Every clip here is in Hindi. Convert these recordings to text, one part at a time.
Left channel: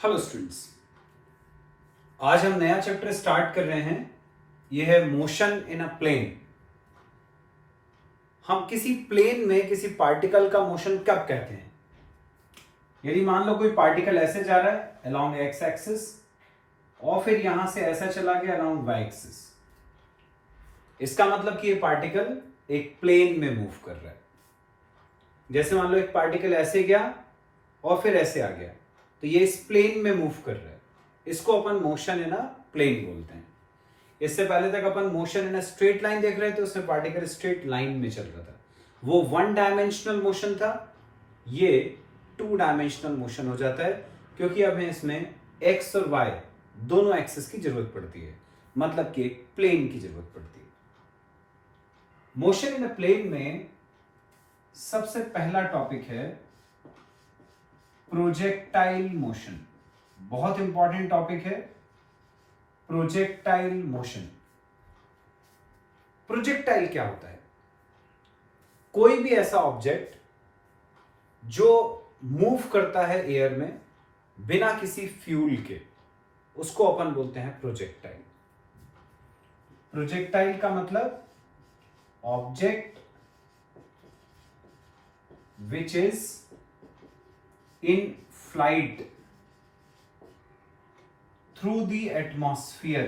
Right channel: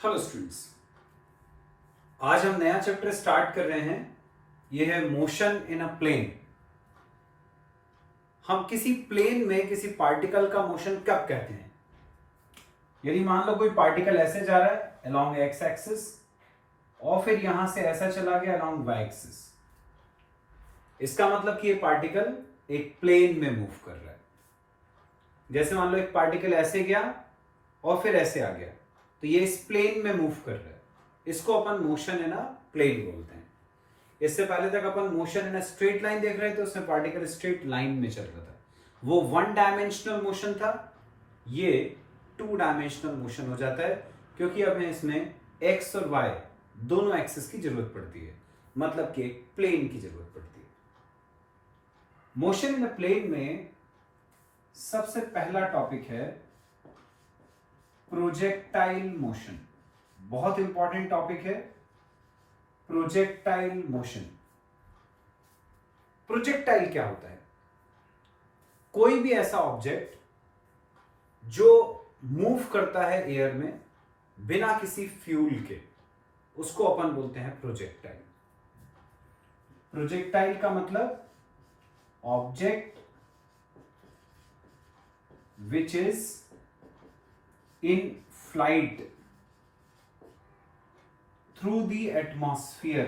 हेलो स्टूडेंट्स, आज हम नया चैप्टर स्टार्ट कर रहे हैं। यह है मोशन इन अ प्लेन। हम किसी प्लेन में किसी पार्टिकल का मोशन कब कहते हैं? यदि मान लो कोई पार्टिकल ऐसे जा रहा है अलोंग एक्स एक्सिस और फिर यहां से ऐसा चला गया अलोंग वाई एक्सिस, इसका मतलब कि ये पार्टिकल एक प्लेन में मूव कर रहा है। जैसे मान लो एक पार्टिकल ऐसे गया और फिर ऐसे आ गया, तो ये इस प्लेन में मूव कर रहा है। इसको अपन मोशन इन अ प्लेन बोलते हैं। इससे पहले तक अपन motion in a straight line देख रहे थे, उसमें पार्टिकल स्ट्रेट लाइन में चल रहा था, वो वन डायमेंशनल मोशन था। ये टू डायमेंशनल मोशन हो जाता है क्योंकि अब इसमें एक्स और वाई दोनों एक्सिस की जरूरत पड़ती है, मतलब कि एक प्लेन की जरूरत पड़ती है। मोशन इन अ प्लेन में सबसे पहला टॉपिक है प्रोजेक्टाइल मोशन। बहुत इंपॉर्टेंट टॉपिक है प्रोजेक्टाइल मोशन। प्रोजेक्टाइल क्या होता है? कोई भी ऐसा ऑब्जेक्ट जो मूव करता है एयर में बिना किसी फ्यूल के, उसको अपन बोलते हैं प्रोजेक्टाइल। प्रोजेक्टाइल का मतलब object which is in flight through the atmosphere,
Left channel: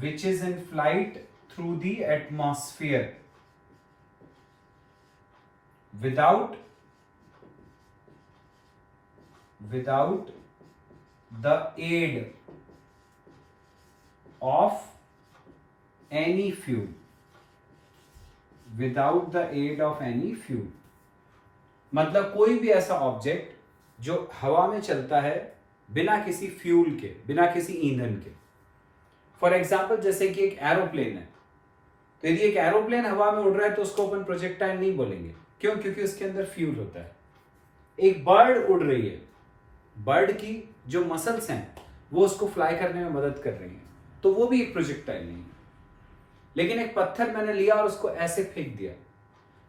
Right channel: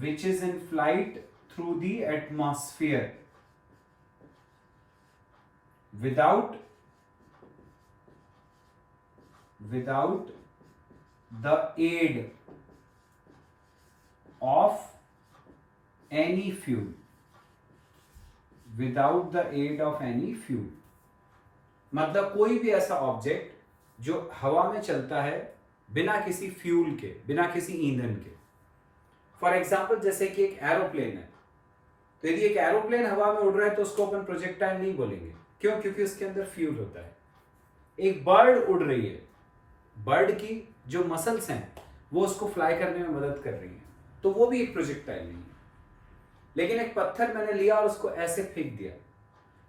which is in flight through the atmosphere without the aid of any fuel, without the aid of any fuel। मतलब कोई भी ऐसा ऑब्जेक्ट जो हवा में चलता है बिना किसी फ्यूल के, बिना किसी ईंधन के। फॉर एग्जाम्पल जैसे कि एक एरोप्लेन है, तो यदि एक एरोप्लेन हवा में उड़ रहा है तो उसको अपन प्रोजेक्टाइल नहीं बोलेंगे। क्यों? क्योंकि उसके अंदर फ्यूल होता है। एक बर्ड उड़ रही है, बर्ड की जो मसल्स हैं वो उसको फ्लाई करने में मदद कर रही हैं, तो वो भी एक प्रोजेक्टाइल नहीं है। लेकिन एक पत्थर मैंने लिया और उसको ऐसे फेंक दिया,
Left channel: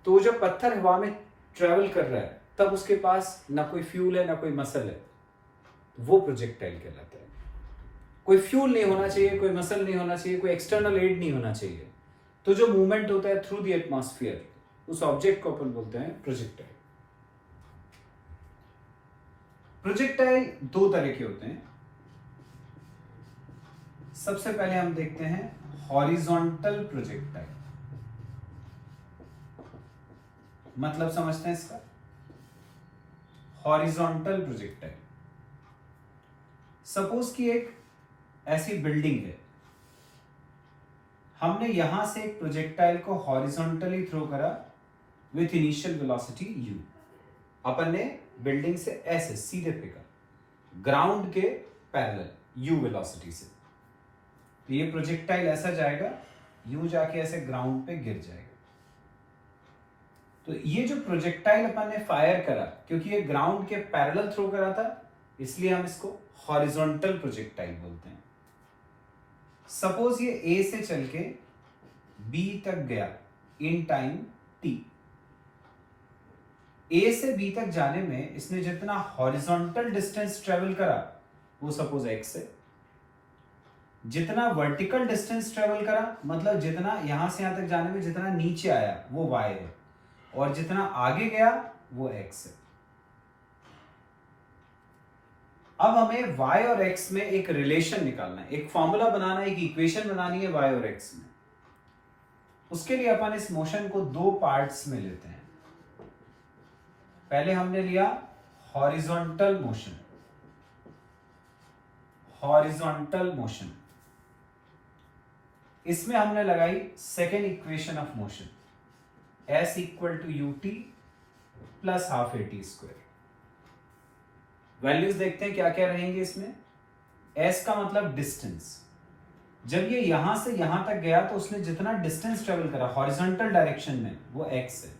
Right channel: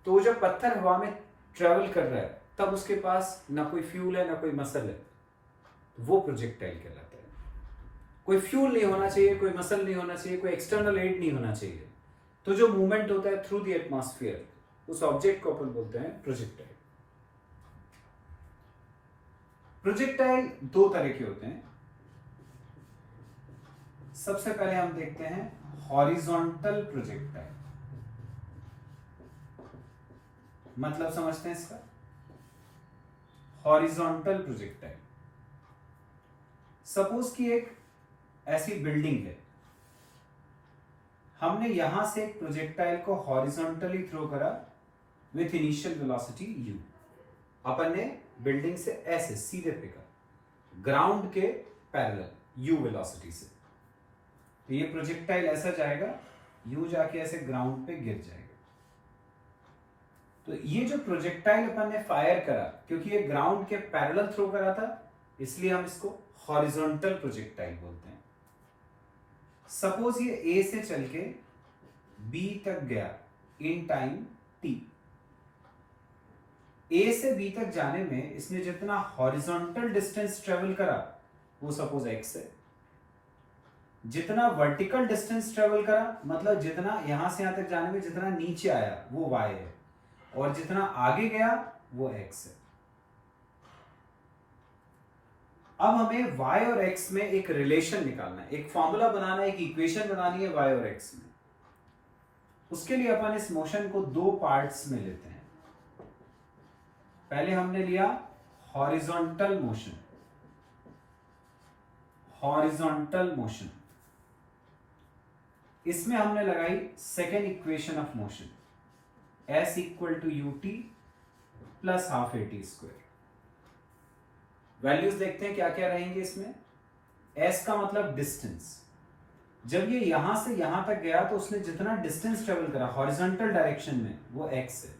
तो वो जब पत्थर हवा में ट्रेवल कर रहा है तब उसके पास ना कोई फ्यूल है ना कोई मसल है, वो प्रोजेक्टाइल कहलाता है। कोई फ्यूल नहीं होना चाहिए, कोई मसल नहीं होना चाहिए, कोई एक्सटर्नल एड नहीं होना चाहिए, तो जो मूवमेंट होता है थ्रू द एटमॉस्फेयर, उस ऑब्जेक्ट को अपन बोलते हैं प्रोजेक्टाइल। प्रोजेक्टाइल दो तरह के होते हैं। सबसे पहले हम देखते हैं हॉरिजॉन्टल प्रोजेक्टाइल। मतलब समझते हैं इसका? हॉरिजॉन्टल प्रोजेक्टाइल, सपोज कि एक ऐसी बिल्डिंग है, हमने यहां से एक प्रोजेक्टाइल को हॉरिजॉन्टली थ्रो करा विथ इनिशियल वेलोसिटी u। अपन ने बिल्डिंग से ऐसे सीधे फेंका ग्राउंड के पैरेलल u वेलोसिटी से, तो ये प्रोजेक्टाइल ऐसा जाएगा, u जाके ऐसे ग्राउंड पे गिर जाएगा। तो ये जो प्रोजेक्टाइल अपन ने फायर करा, क्योंकि ये ग्राउंड के पैरेलल थ्रो करा था, इसलिए हम इसको हॉरिजॉन्टल प्रोजेक्टाइल बोलते हैं। सपोज ये ए से चल के बी तक गया इन टाइम t। ए से बी तक जाने में इसने जितना हॉरिजॉन्टल डिस्टेंस ट्रेवल करा वो सपोज x है, जितना वर्टिकल डिस्टेंस ट्रेवल करा मतलब जितना यहां से यहां तक जाने में जितना नीचे आया वो y है, और जितना आगे गया वो x है। अब हमें y और x में एक रिलेशन निकालना है, एक फॉर्मूला बनाना है, एक इक्वेशन बनानी है y और x में। उसके लिए अपन इस मोशन को दो पार्ट्स में लेते हैं। पहले हमने लिया हॉरिजॉन्टल मोशन। हॉरिजॉन्टल मोशन, इसमें हमने लगाई second equation of motion, s equal to ut plus half at square. Values देखते हैं क्या क्या रहेंगे इसमें। s का मतलब डिस्टेंस, जब ये यहां से यहां तक गया तो उसने जितना डिस्टेंस ट्रेवल करा हॉरिजॉन्टल डायरेक्शन में वो x है,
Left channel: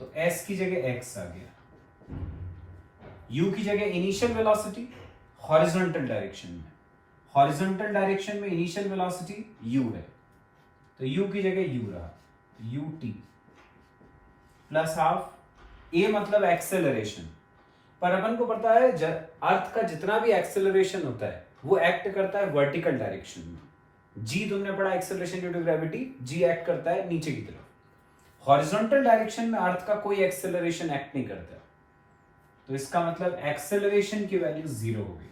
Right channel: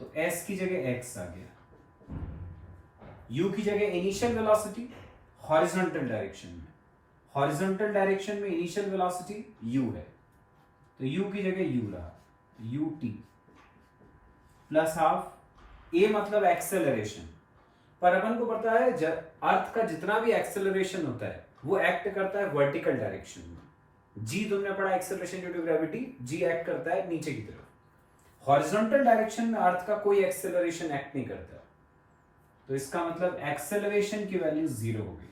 तो s की जगह x आ गया। u की जगह इनिशियल वेलोसिटी हॉरिजॉन्टल डायरेक्शन में, हॉरिजॉन्टल डायरेक्शन में इनिशियल वेलोसिटी u है, तो u की जगह u रहा, ut प्लस हाफ, ए मतलब एक्सेलरेशन, पर अपन को पता है अर्थ का जितना भी एक्सेलरेशन होता है वो एक्ट करता है वर्टिकल डायरेक्शन में। जी तुमने पढ़ा acceleration due to gravity, g act करता है नीचे की तरफ। हॉरिजॉन्टल डायरेक्शन में अर्थ का कोई एक्सेलरेशन एक्ट नहीं करता, तो इसका मतलब एक्सेलरेशन की वैल्यू 0 हो गई,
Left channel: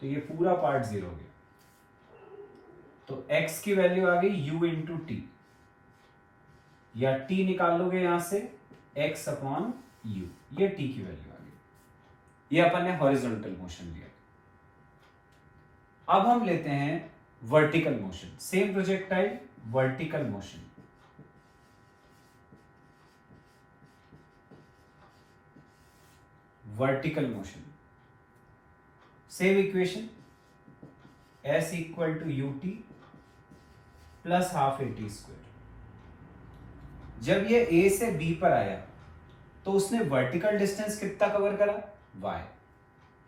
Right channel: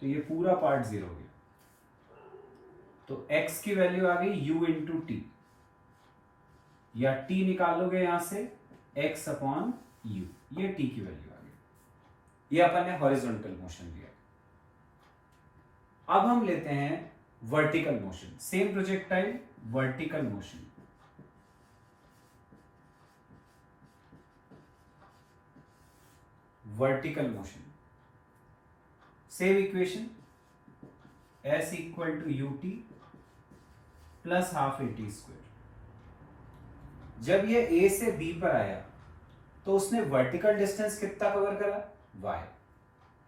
तो ये पूरा पार्ट 0 हो गया। तो x की वैल्यू आ गई u इंटू टी, या t निकालोगे यहां से x अपॉन u, ये t की वैल्यू आ गई। ये अपन ने हॉरिजॉन्टल मोशन लिया। अब हम लेते हैं vertical motion, same projectile vertical motion. Vertical motion same equation, s equal to u t plus half a t square. जब ये a से b पर आया तो उसने वर्टिकल डिस्टेंस कितना कवर करा, y,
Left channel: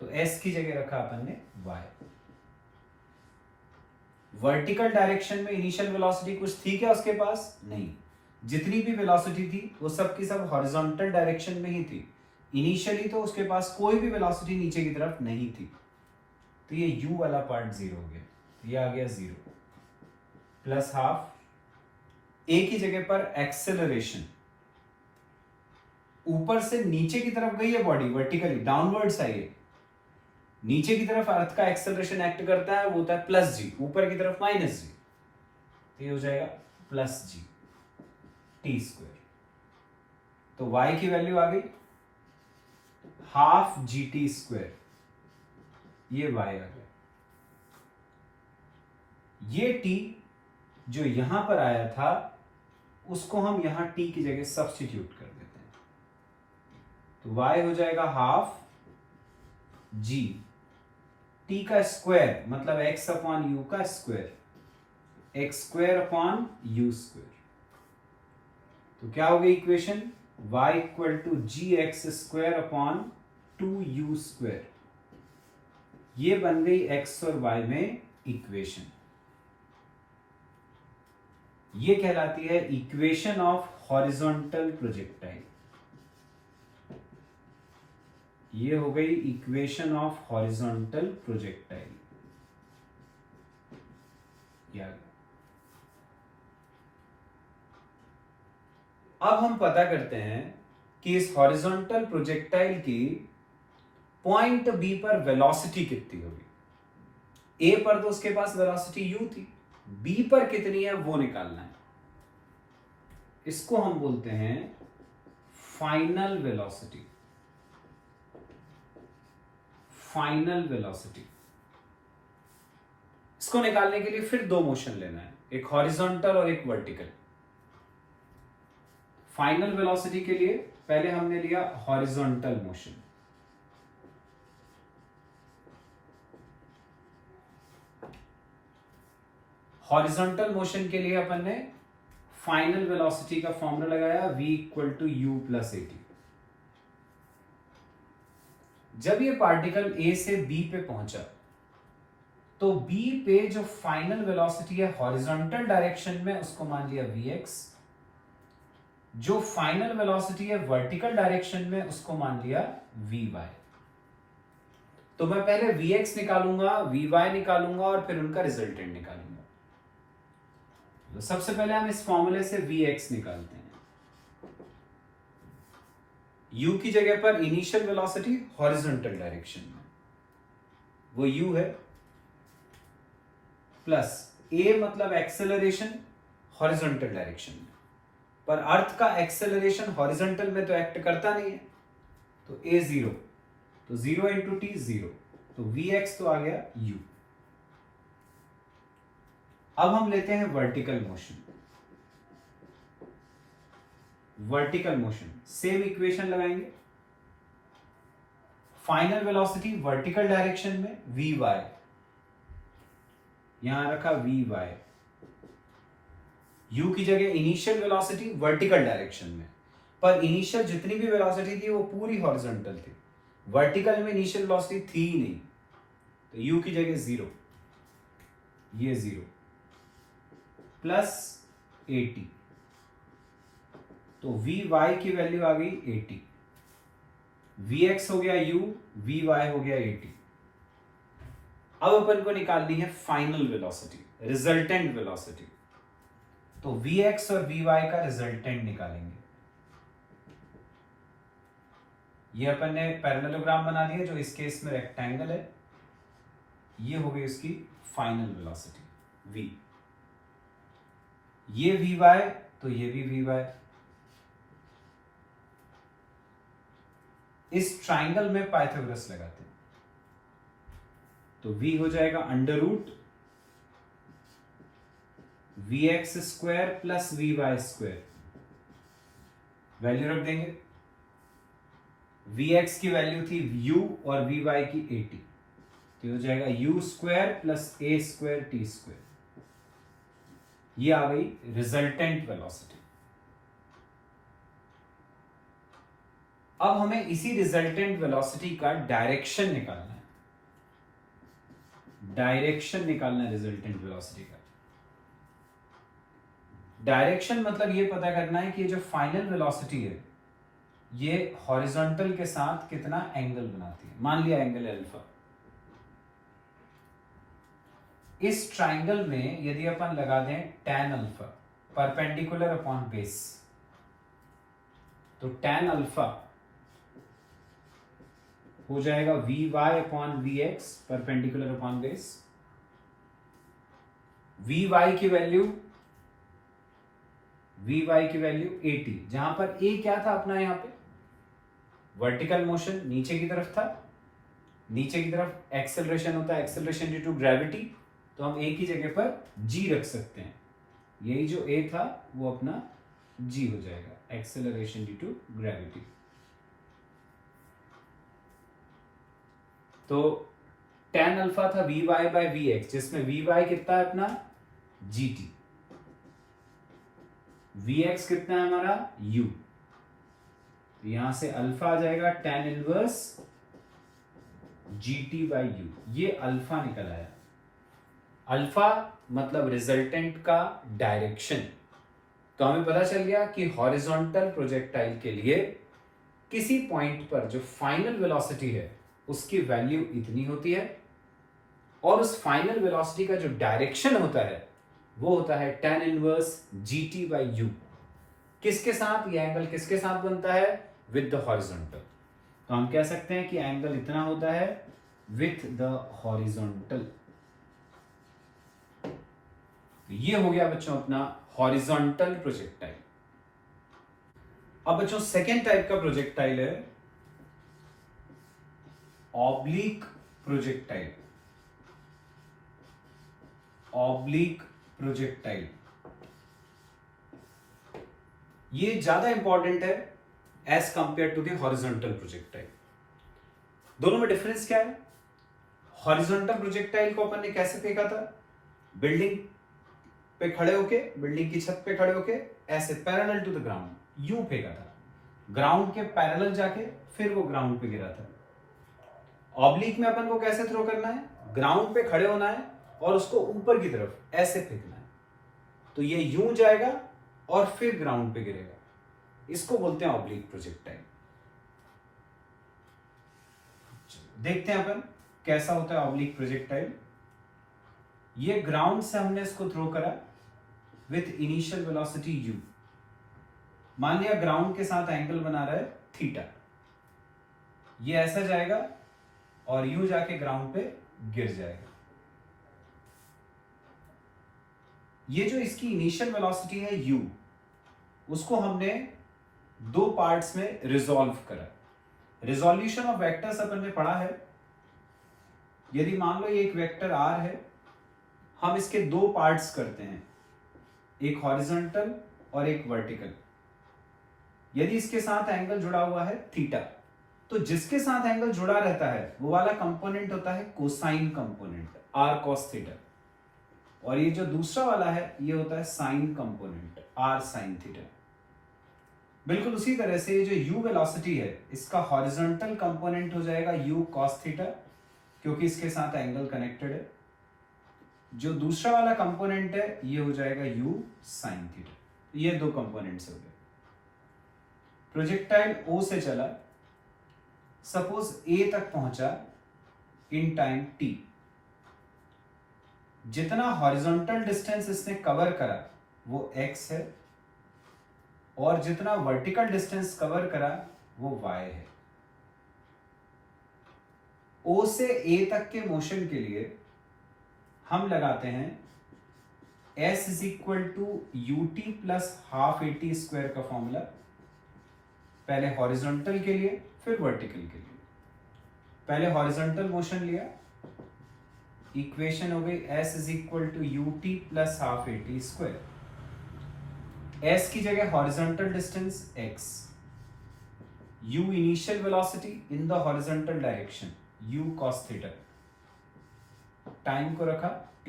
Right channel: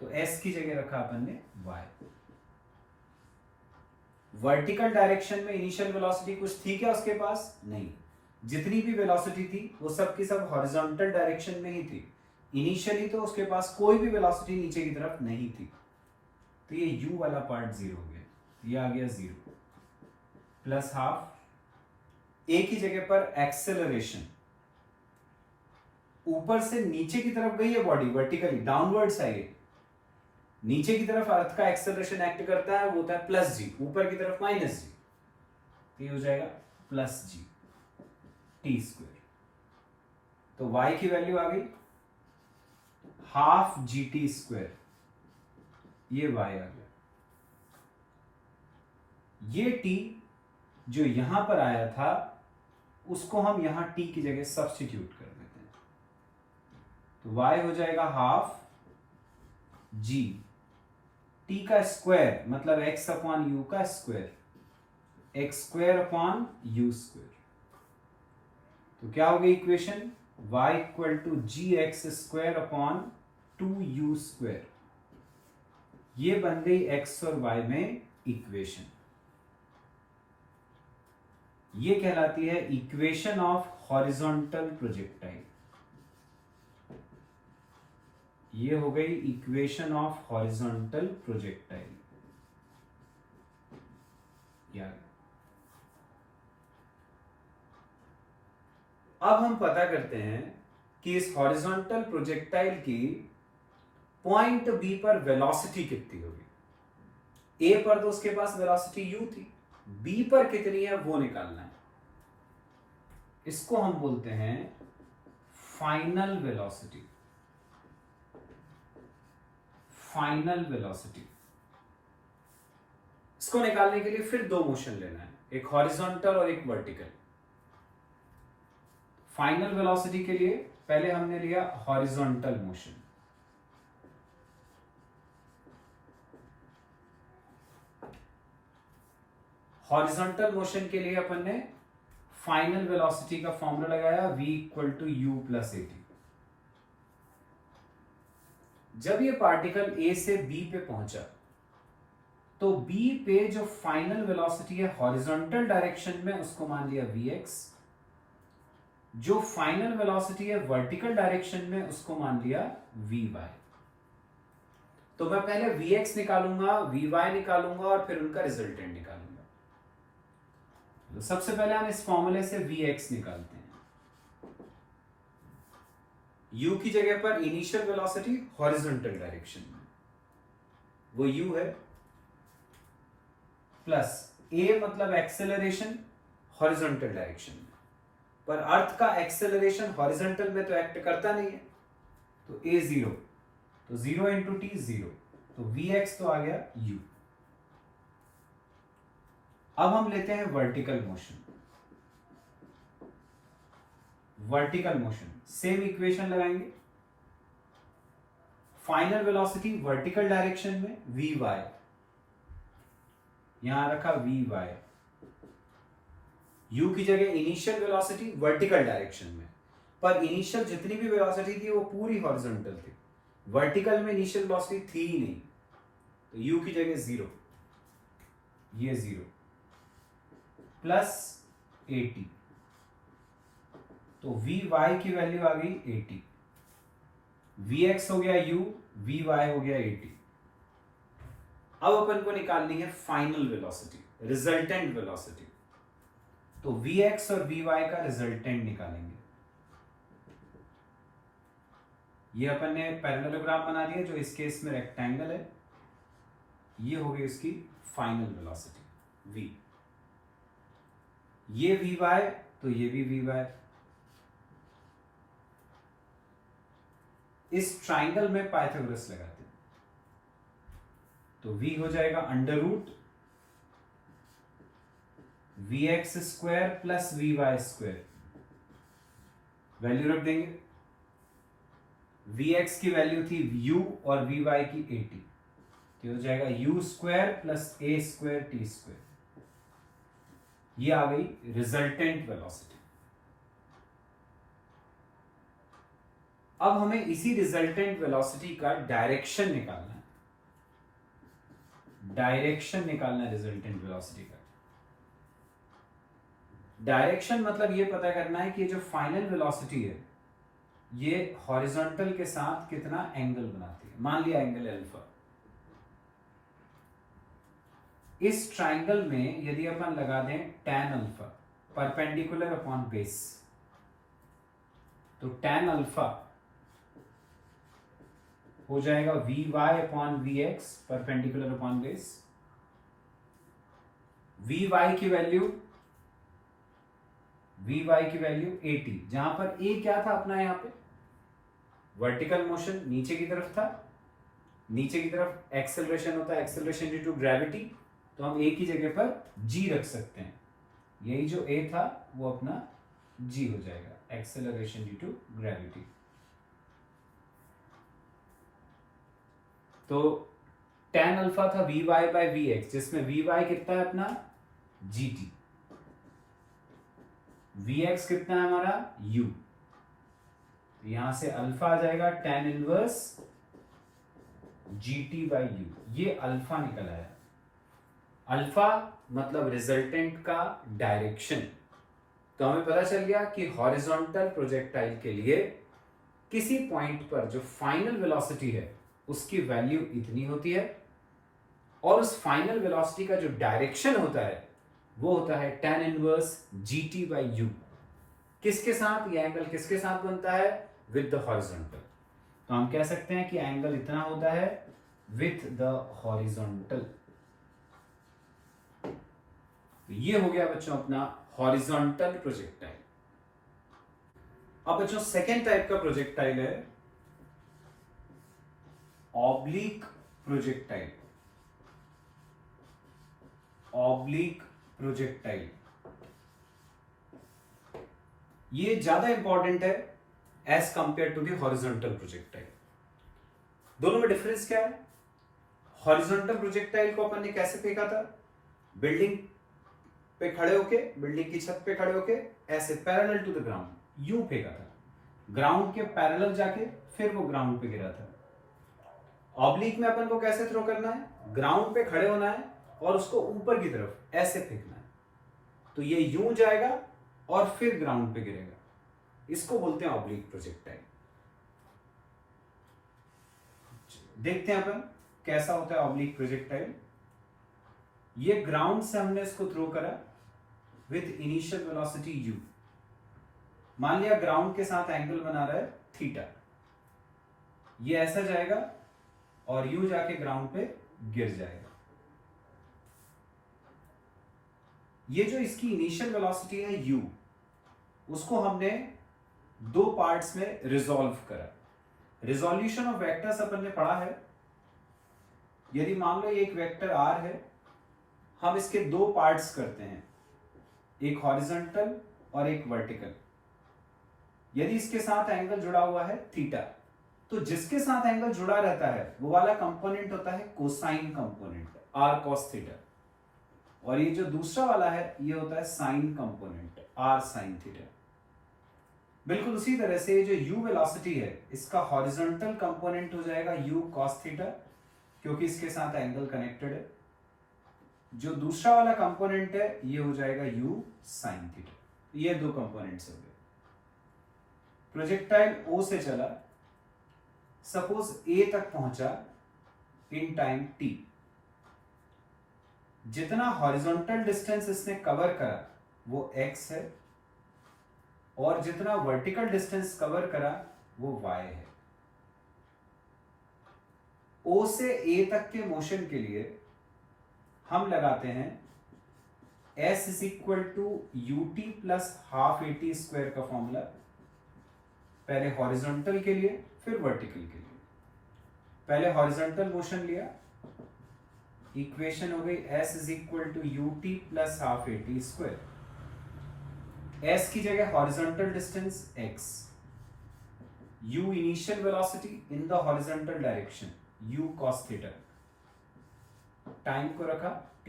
तो s की जगह रखा अपन ने y। वर्टिकल डायरेक्शन में इनिशियल वेलोसिटी कुछ थी क्या उसके पास, नहीं। जितनी भी वेलोसिटी थी वो सब की सब हॉरिजॉन्टल डायरेक्शन में ही थी। इनिशियली तो उसके पास कोई भी वेलोसिटी नीचे की तरफ नहीं थी, तो ये u वाला पार्ट 0 हो गया, तो ये आ गया 0 प्लस हाफ a की जगह पर एक्सेलरेशन, ऊपर से नीचे की तरफ गई है बॉडी, वर्टिकली डाउनवर्ड्स है ये, नीचे की तरफ अर्थ का एक्सेलरेशन एक्ट करता है, वो होता है प्लस जी, ऊपर की तरफ माइनस जी, तो ये हो जाएगा प्लस जी टी स्क्वायर। तो y की वैल्यू आ गई हाफ जी टी स्क्वायर, ये y आ गया। ये t जो यहां पर आया था उसको हम यहां t की जगह सब्स्टिट्यूट कर देते हैं, तो y हो जाएगा हाफ g t का स्क्वायर, मतलब x अपॉन यू का square, x square upon u square. तो क्या हो गई इक्वेशन, y equal to g x square upon 2u square. ये बन गई x और y में इक्वेशन। ये कहलाती है इक्वेशन ऑफ हॉरिजॉन्टल प्रोजेक्टाइल। ये हो गई इक्वेशन ऑफ हॉरिजॉन्टल प्रोजेक्टाइल। अब हम पता करते हैं कि इस हॉरिजॉन्टल प्रोजेक्टाइल की पॉइंट बी पर वेलोसिटी कितनी होगी। ए पर तो उसके पास वेलोसिटी यू थी, बी पर कितनी है वो निकालना है। इसको हम बोलते हैं फाइनल वेलोसिटी। फाइनल वेलोसिटी, इसको निकालने के लिए फिर दो मोशन लेना है, एक हॉरिजॉन्टल और एक वर्टिकल। फाइनल वेलोसिटी के लिए पहले हमने लिया हॉरिजॉन्टल मोशन, हॉरिजॉन्टल मोशन के लिए अपन ने फाइनल वेलोसिटी का फॉर्मूला लगाया v equal to u plus a t. जब ये पार्टिकल a से b पे पहुंचा तो b पे जो फाइनल वेलोसिटी है हॉरिजॉन्टल डायरेक्शन में उसको मान लिया vx, जो फाइनल वेलोसिटी है वर्टिकल डायरेक्शन में उसको मान लिया vy। तो मैं पहले vx निकालूंगा, vy निकालूंगा और फिर उनका रिजल्टेंट निकालूंगा। तो सबसे पहले हम इस फॉर्मूले से vx निकालते हैं। u की जगह पर इनिशियल वेलोसिटी हॉरिजॉन्टल डायरेक्शन में वो u है, प्लस a मतलब एक्सेलरेशन हॉरिजॉन्टल डायरेक्शन में, पर अर्थ का एक्सेलरेशन हॉरिजॉन्टल में तो एक्ट करता नहीं है, तो a 0, तो 0 इंटू टी 0, तो vx तो आ गया u। अब हम लेते हैं vertical motion. Vertical motion same equation लगाएंगे, फाइनल वेलोसिटी वर्टिकल डायरेक्शन में vy, यहां रखा vy, u की जगह इनिशियल वेलोसिटी वर्टिकल डायरेक्शन में, पर इनिशियल जितनी भी वेलोसिटी थी वो पूरी हॉरिजॉन्टल थी, वर्टिकल में इनिशियल वेलोसिटी थी ही नहीं, तो u की जगह 0, ये 0 प्लस 80, तो vy की वैल्यू आ गई 80। वी एक्स हो गया u, वी वाई हो गया 80। अब अपन को निकालनी है फाइनल वेलोसिटी, रिजल्टेंट वेलोसिटी। तो वी एक्स और वी वाई का रिजल्टेंट निकालेंगे। ये अपन ने पैरेललोग्राम बना दिया, जो इस केस में रेक्टेंगल है। ये हो गई उसकी फाइनल वेलोसिटी v। ये वी वाई, तो ये भी वी वाई। इस ट्राइंगल में पाइथागोरस लगाते हैं, तो v हो जाएगा under root v x square plus v y square. Value रख देंगे। वी एक्स की वैल्यू थी u और वी वाई की 80, तो हो जाएगा u square plus a square t square. ये आ गई रिजल्टेंट वेलोसिटी। अब हमें इसी रिजल्टेंट वेलोसिटी का डायरेक्शन निकालना है। डायरेक्शन निकालना है रिजल्टेंट वेलोसिटी का। डायरेक्शन मतलब ये पता करना है कि जो फाइनल वेलोसिटी है ये हॉरिजॉन्टल के साथ कितना एंगल बनाती है। मान लिया एंगल अल्फा। इस ट्राइंगल में यदि अपन लगा दें tan alpha perpendicular upon base, तो tan अल्फा हो जाएगा v y upon v x perpendicular upon base. V y की वैल्यू 80, जहां पर a क्या था अपना, यहां पे वर्टिकल मोशन नीचे की तरफ था। नीचे की तरफ एक्सेलरेशन होता है, एक्सेलरेशन ड्यू टू ग्रेविटी, तो हम a की जगह पर g रख सकते हैं। यही जो a था वो अपना g हो जाएगा, एक्सेलरेशन ड्यू टू ग्रेविटी। तो tan अल्फा था v y by v x, जिसमें वी वाई कितना है अपना gt, वी एक्स कितना है हमारा u। तो यहां से अल्फा आ जाएगा tan inverse gt by u। ये अल्फा निकल आया। अल्फा मतलब रिजल्टेंट का डायरेक्शन। तो हमें पता चल गया कि हॉरिजॉन्टल प्रोजेक्टाइल के लिए किसी पॉइंट पर जो फाइनल वेलोसिटी है उसकी वैल्यू इतनी होती है, और उस फाइनल वेलोसिटी का जो डायरेक्शन होता है वो होता है tan inverse gt by u। किसके साथ? ये एंगल किसके साथ बनता है? With the horizontal. तो हम कह सकते हैं कि एंगल इतना होता है विथ द हॉरिजॉन्टल। ये हो गया बच्चों अपना हॉरिजॉन्टल प्रोजेक्टाइल। अब बच्चों सेकेंड टाइप का प्रोजेक्टाइल है ऑब्लिक प्रोजेक्टाइल। ऑब्लिक प्रोजेक्टाइल ये ज्यादा इंपॉर्टेंट है as compare to the horizontal projectile. दोनों में डिफरेंस क्या है? हॉरिजॉन्टल प्रोजेक्टाइल को अपन ने कैसे फेंका था? बिल्डिंग पे खड़े होके, बिल्डिंग की छत पे खड़े होके ऐसे पैरेलल टू द ग्राउंड यूं फेंका था। ग्राउंड के पैरेलल जाके फिर वो ग्राउंड पे गिरा था। ऑब्लिक में अपन को कैसे थ्रो करना है? ग्राउंड पे खड़े होना है और उसको ऊपर की तरफ ऐसे फेंकना है। तो ये यूं जाएगा और फिर ग्राउंड पे गिरेगा। इसको बोलते हैं ऑब्लिक प्रोजेक्टाइल। देखते हैं अपन कैसा होता है ऑब्लिक प्रोजेक्टाइल। ये ग्राउंड से हमने इसको थ्रो करा विथ इनिशियल वेलोसिटी u। मान लिया ग्राउंड के साथ एंगल बना रहा है थीटा। ये ऐसा जाएगा और यूं जाके ग्राउंड पे गिर जाएगा। ये जो इसकी इनिशियल वेलोसिटी है u, उसको हमने दो पार्ट्स में रिजॉल्व करा। रिजोल्यूशन ऑफ वेक्टर्स अपन ने पढ़ा है। यदि मान लो ये एक वेक्टर r है, हम इसके दो पार्ट्स करते हैं, एक हॉरिजॉन्टल और एक वर्टिकल। यदि इसके साथ एंगल जुड़ा हुआ है थीटा, तो जिसके साथ एंगल जुड़ा रहता है वो वाला कंपोनेंट होता है cosine component, r cos theta. और ये जो दूसरा वाला है ये होता है sign component, r sin theta. बिल्कुल उसी तरह से ये जो u वेलोसिटी है इसका हॉरिजॉन्टल कंपोनेंट हो जाएगा u cos थीटा, क्योंकि इसके साथ एंगल कनेक्टेड है। जो दूसरा वाला कंपोनेंट है ये हो जाएगा u sin थीटा। ये दो कंपोनेंट्स हो गए। प्रोजेक्टाइल O से चला, सपोज ए तक पहुंचा इन टाइम t, जितना हॉरिजॉन्टल डिस्टेंस इसने कवर करा वो x है, और जितना वर्टिकल डिस्टेंस कवर करा वो y है। O से A तक के मोशन के लिए हम लगाते हैं s is equal to ut plus half at square का फॉर्मूला, पहले हॉरिजॉन्टल के लिए फिर वर्टिकल के लिए। पहले हॉरिजॉन्टल मोशन लिया, इक्वेशन हो गई s is equal to ut plus half at square. s की जगह horizontal distance x, u initial velocity in the horizontal direction u cos theta, time को रखा t।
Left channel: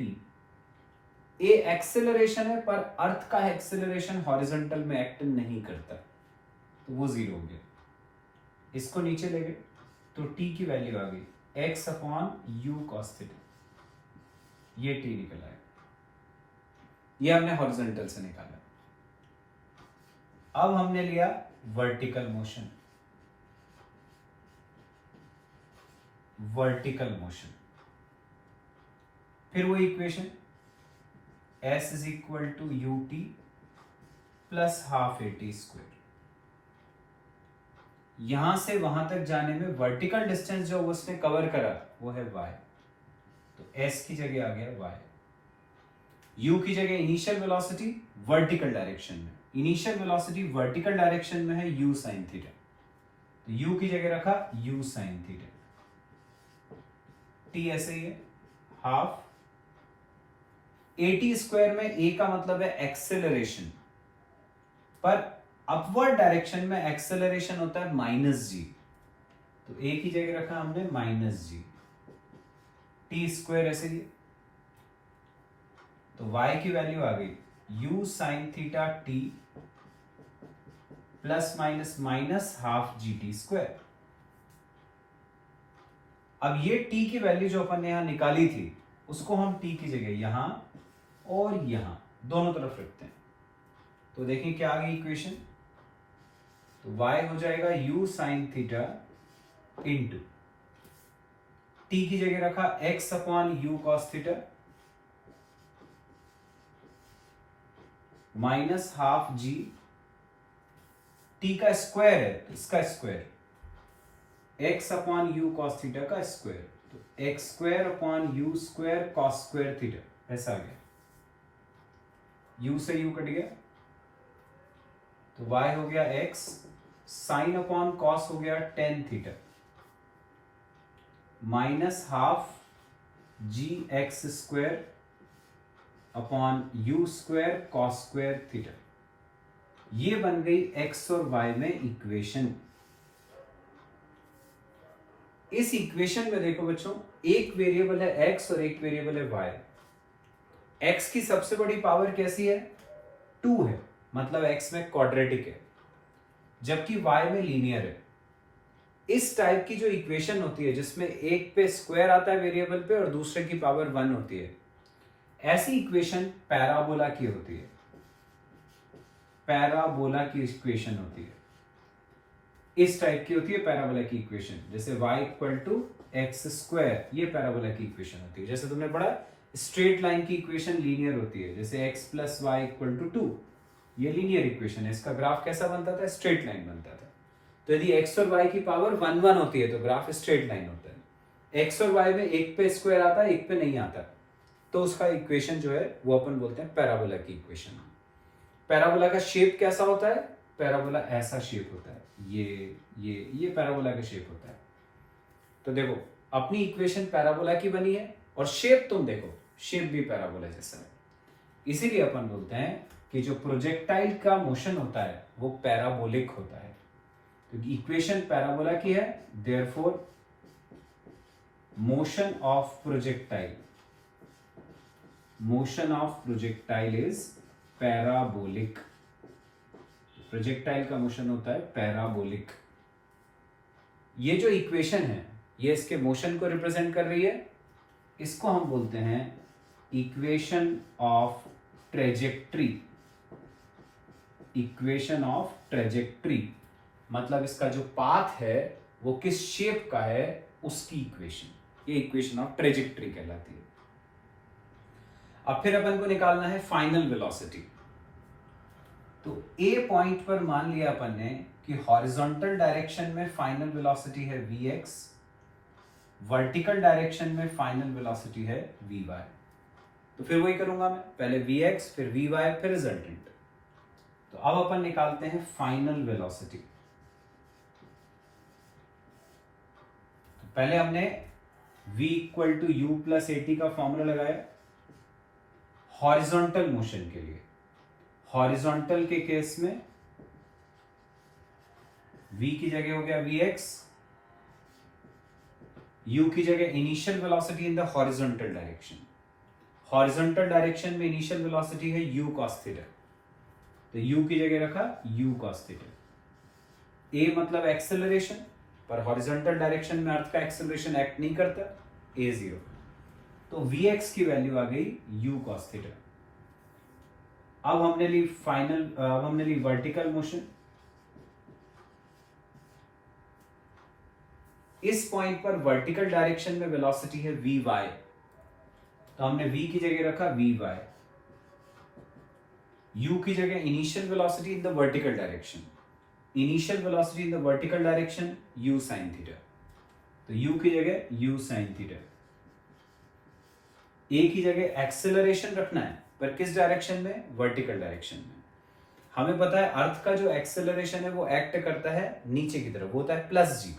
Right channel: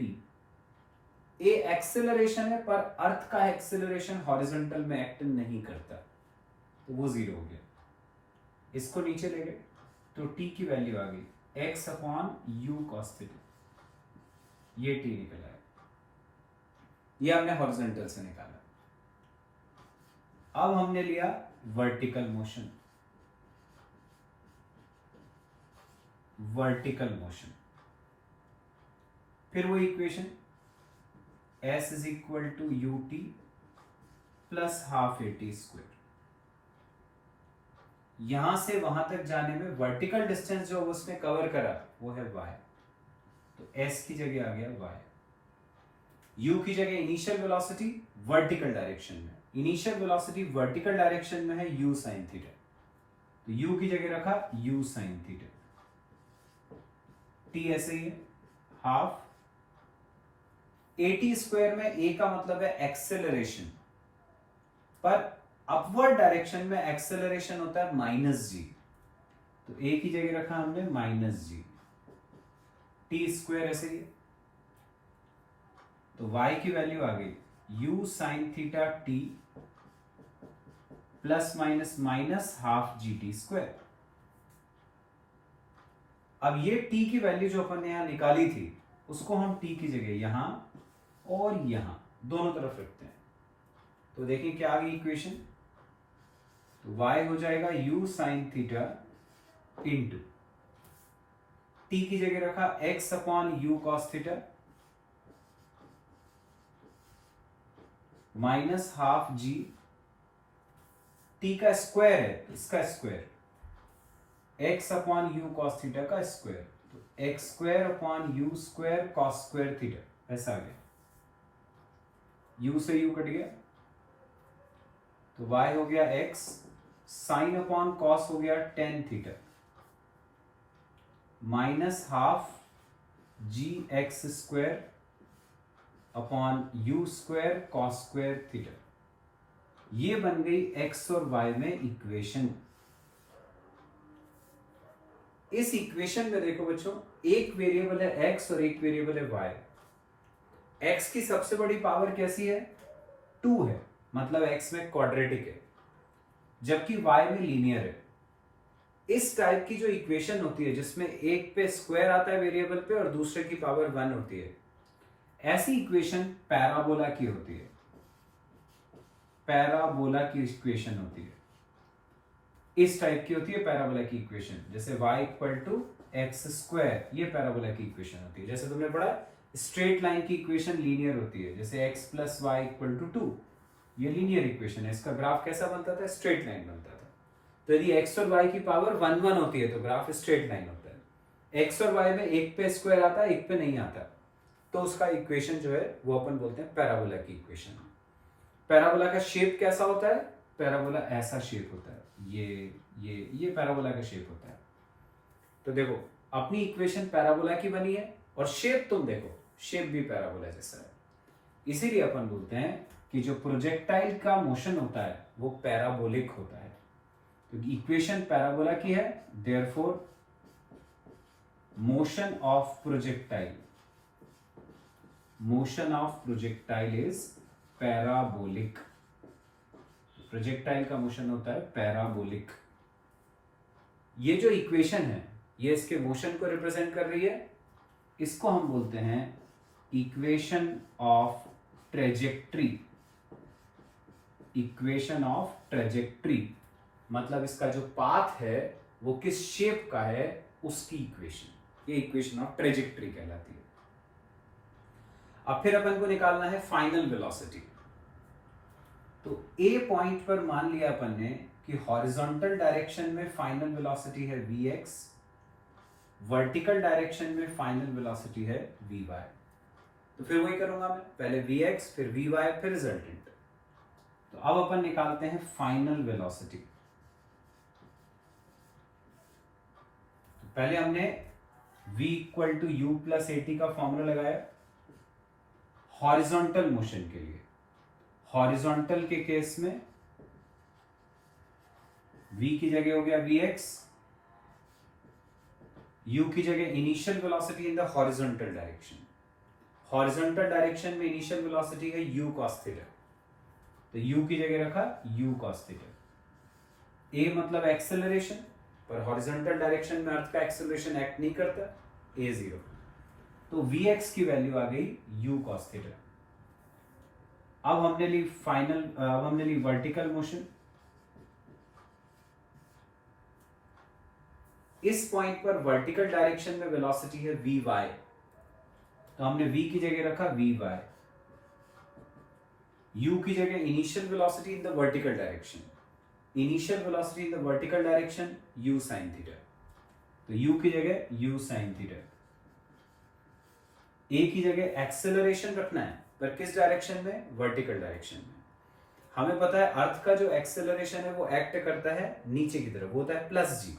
ए एक्सेलरेशन है पर अर्थ का एक्सेलरेशन हॉरिजॉन्टल में एक्ट नहीं करता, तो वो जीरो हो गया। इसको नीचे ले गए तो t की वैल्यू आ गई x upon u cos theta, ये t निकल आया, ये हमने हॉरिजॉन्टल से निकाला। अब हमने लिया वर्टिकल मोशन, वर्टिकल मोशन, फिर वो equation s is equal to ut plus half at square. यहां से वहां तक जाने में वर्टिकल डिस्टेंस जो उसने कवर करा वो है y, तो s की जगह आ गया y, u की जगह इनिशियल वेलोसिटी वर्टिकल डायरेक्शन में, इनिशियल वेलोसिटी वर्टिकल डायरेक्शन में है u sin थीटा, तो u की जगह रखा u sin थीटा, t ऐसे ही है हाफ at स्क्वायर में a का मतलब है एक्सेलरेशन, पर अपवर्ड डायरेक्शन में एक्सेलरेशन होता है माइनस जी, तो a की जगह रखा हमने माइनस जी, t स्क्वायर ऐसे ही, तो y की वैल्यू आ गई u sin theta t plus minus minus half G T square. अब ये t की वैल्यू जो अपन ने यहां निकाली थी उसको हम t की जगह यहां और यहां दोनों तरफ रखते हैं, तो देखें क्या आ गई इक्वेशन, तो y हो जाएगा u sin theta into t की जगह रखा x upon u cos theta minus half g, t का स्क्वायर है तो इसका square x upon u cos theta का स्क्वायर, तो x square upon u square cos square theta ऐसा आ गया, u से u कट गया, तो y हो गया x साइन अपॉन cos हो गया tan theta minus half g x square upon u square cos square theta. ये बन गई x और y में इक्वेशन। इस इक्वेशन में देखो बच्चों, एक वेरिएबल है x और एक वेरिएबल है y। x की सबसे बड़ी पावर कैसी है? 2 है, मतलब x में क्वाड्रेटिक है, जबकि y में लीनियर है। इस टाइप की जो इक्वेशन होती है जिसमें एक पे स्क्वायर आता है वेरिएबल पे और दूसरे की पावर 1 होती है, ऐसी इक्वेशन पैराबोला की होती है, पैराबोला की इक्वेशन होती है। इस टाइप की होती है पैराबोला की इक्वेशन, जैसे y equal to x square, ये पैराबोला की इक्वेशन होती है। जैसे तुमने पढ़ा स्ट्रेट लाइन की इक्वेशन लीनियर होती है, जैसे x plus y equal to 2, ये लीनियर इक्वेशन है। इसका ग्राफ कैसा बनता था? स्ट्रेट लाइन बनता था। तो यदि x और y की पावर 1 1 होती है तो ग्राफ स्ट्रेट लाइन होता है। x और y में एक पे स्क्वायर आता है, एक पे नहीं आता, तो उसका इक्वेशन जो है वो अपन बोलते हैं पैराबोला की इक्वेशन। पैराबोला का शेप कैसा होता है? पैराबोला ऐसा शेप होता है, ये पैराबोला का शेप होता है। तो देखो अपनी इक्वेशन पैराबोला की बनी है और शेप तुम देखो, शेप भी पैराबोला जैसा है। इसीलिए अपन बोलते हैं कि जो प्रोजेक्टाइल का मोशन होता है वो पैराबोलिक होता है। तो इक्वेशन पैराबोला की है, therefore motion of projectile is parabolic. Projectile का मोशन होता है पैराबोलिक। ये जो इक्वेशन है ये इसके मोशन को रिप्रेजेंट कर रही है, इसको हम बोलते हैं equation of trajectory. Equation of trajectory मतलब इसका जो पाथ है वो किस शेप का है उसकी इक्वेशन, ये इक्वेशन ऑफ ट्रेजेक्ट्री कहलाती है। अब फिर अपन को निकालना है फाइनल वेलोसिटी। तो ए पॉइंट पर मान लिया अपन ने कि हॉरिजॉन्टल डायरेक्शन में फाइनल वेलोसिटी है vx, वर्टिकल डायरेक्शन में फाइनल वेलोसिटी है vy। तो फिर वही करूंगा मैं, पहले vx फिर vy फिर रिजल्टेंट। तो अब अपन निकालते हैं फाइनल वेलोसिटी। तो पहले हमने v equal to u plus a t का फॉर्मूला लगाया हॉरिजॉन्टल मोशन के लिए। हॉरिजॉन्टल के केस में v की जगह हो गया vx, u की जगह initial velocity in the horizontal direction. Horizontal direction में इनिशियल वेलोसिटी है u cos थीटा, तो u की जगह रखा u cos थीटा। a मतलब एक्सेलरेशन, पर हॉरिजॉन्टल डायरेक्शन में अर्थ का एक्सेलरेशन एक्ट नहीं करता, a 0। तो vx की वैल्यू आ गई u cos थीटा। अब हमने ली वर्टिकल मोशन। इस पॉइंट पर वर्टिकल डायरेक्शन में वेलोसिटी है vy, तो हमने v की जगह रखा vy, u की जगह initial velocity in the vertical direction. Initial velocity in the vertical direction u sin theta, तो u की जगह u sin थीटा। a की जगह एक्सेलरेशन रखना है, पर किस डायरेक्शन में? वर्टिकल डायरेक्शन में। हमें पता है अर्थ का जो एक्सेलरेशन है वो एक्ट करता है नीचे की तरफ, वो होता है प्लस जी,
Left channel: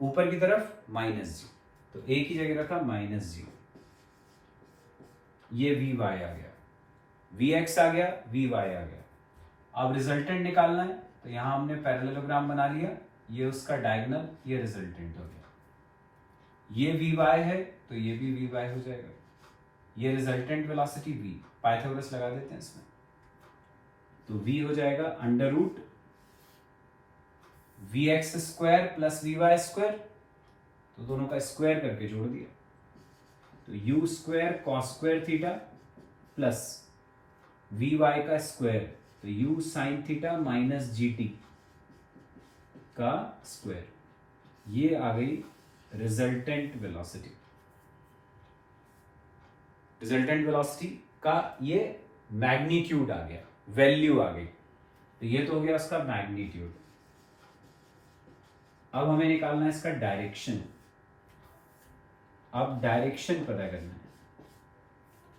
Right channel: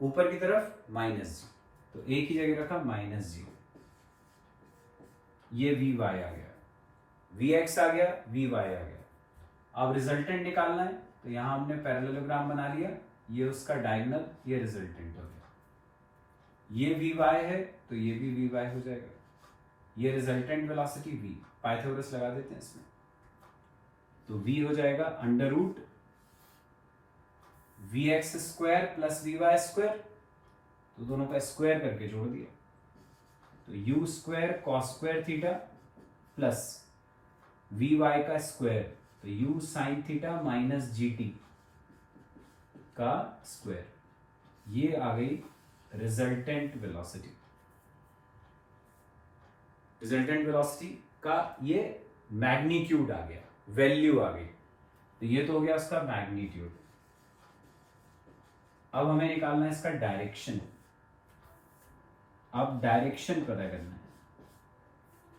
ऊपर की तरफ माइनस जी। तो a की जगह रखा माइनस जी, ये vy आ गया, vx आ गया, vy आ गया। अब रिजल्टेंट निकालना है, तो यहां हमने पैरेललोग्राम बना लिया, ये उसका डायगोनल, ये रिजल्टेंट हो गया। ये vy है तो ये भी vy हो जाएगा। ये रिजल्टेंट वेलोसिटी v, पाइथागोरस लगा देते हैं इसमें, तो v हो जाएगा under root vx square plus vy square, तो दोनों का स्क्वायर करके जोड़ दिया, तो u square cos square theta plus vy का स्क्वायर, तो u sin theta minus gt का स्क्वायर। ये आ गई रिजल्टेंट वेलोसिटी। रिजल्टेंट वेलोसिटी का ये मैग्नीट्यूड आ गया, वैल्यू आ गई, तो ये तो हो गया उसका मैग्नीट्यूड। अब हमें निकालना है इसका डायरेक्शन। अब डायरेक्शन पता करना है।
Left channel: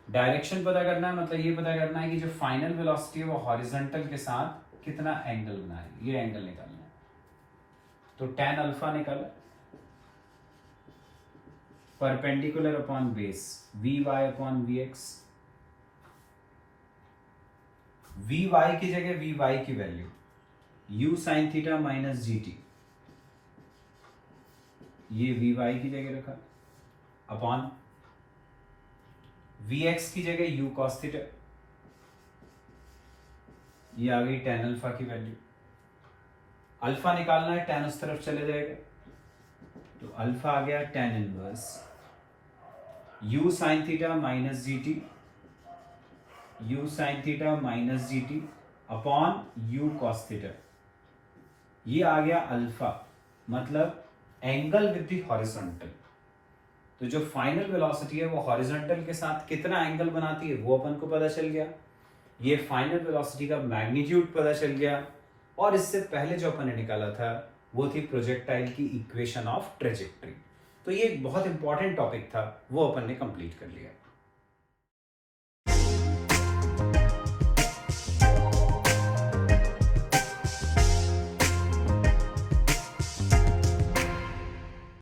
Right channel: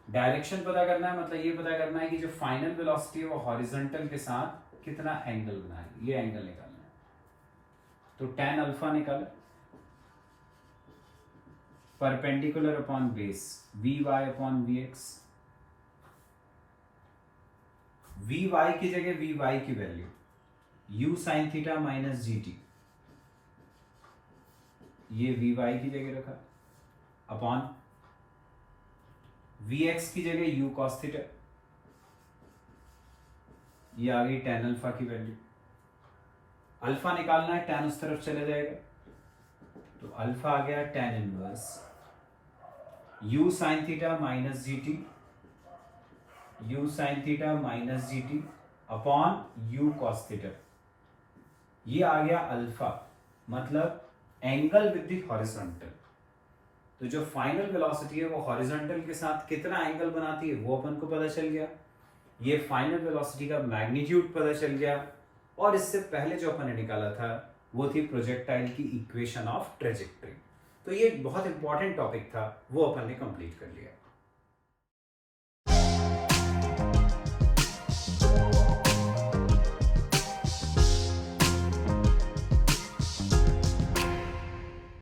डायरेक्शन पता करना है मतलब ये पता करना है कि जो फाइनल वेलोसिटी है वो हॉरिजॉन्टल के साथ कितना एंगल बना रही है, ये एंगल निकालना है। तो tan अल्फा निकाले, perpendicular upon base vy upon vx। vy की जगह vy की value u sin theta minus gt, ये vy की जगह रखा, अपॉन vx की जगह u cos थीटा, ये आ गई tan अल्फा की वैल्यू। अल्फा निकालना है, tan उस तरफ चले जाएगा, तो अल्फा आ गया tan inverse u sin theta minus gt, u sin theta minus gt upon u cos theta. ये आ गया अल्फा, मतलब एंगल विद द हॉरिजॉन्टल। तो जो फाइनल वेलोसिटी है वो हॉरिजॉन्टल के साथ कितना एंगल बनाती है वो अपन को पता चल गया। ये फाइनल वेलोसिटी का मैग्नीट्यूड पता चल गया, और इससे पहले जो अपन ने निकाला था वो थी प्रोजेक्टाइल की इक्वेशन ऑफ ट्रेजेक्ट्री। तो ये एक बहुत इंपॉर्टेंट टॉपिक था, वो अपन ने कंप्लीट कर लिया।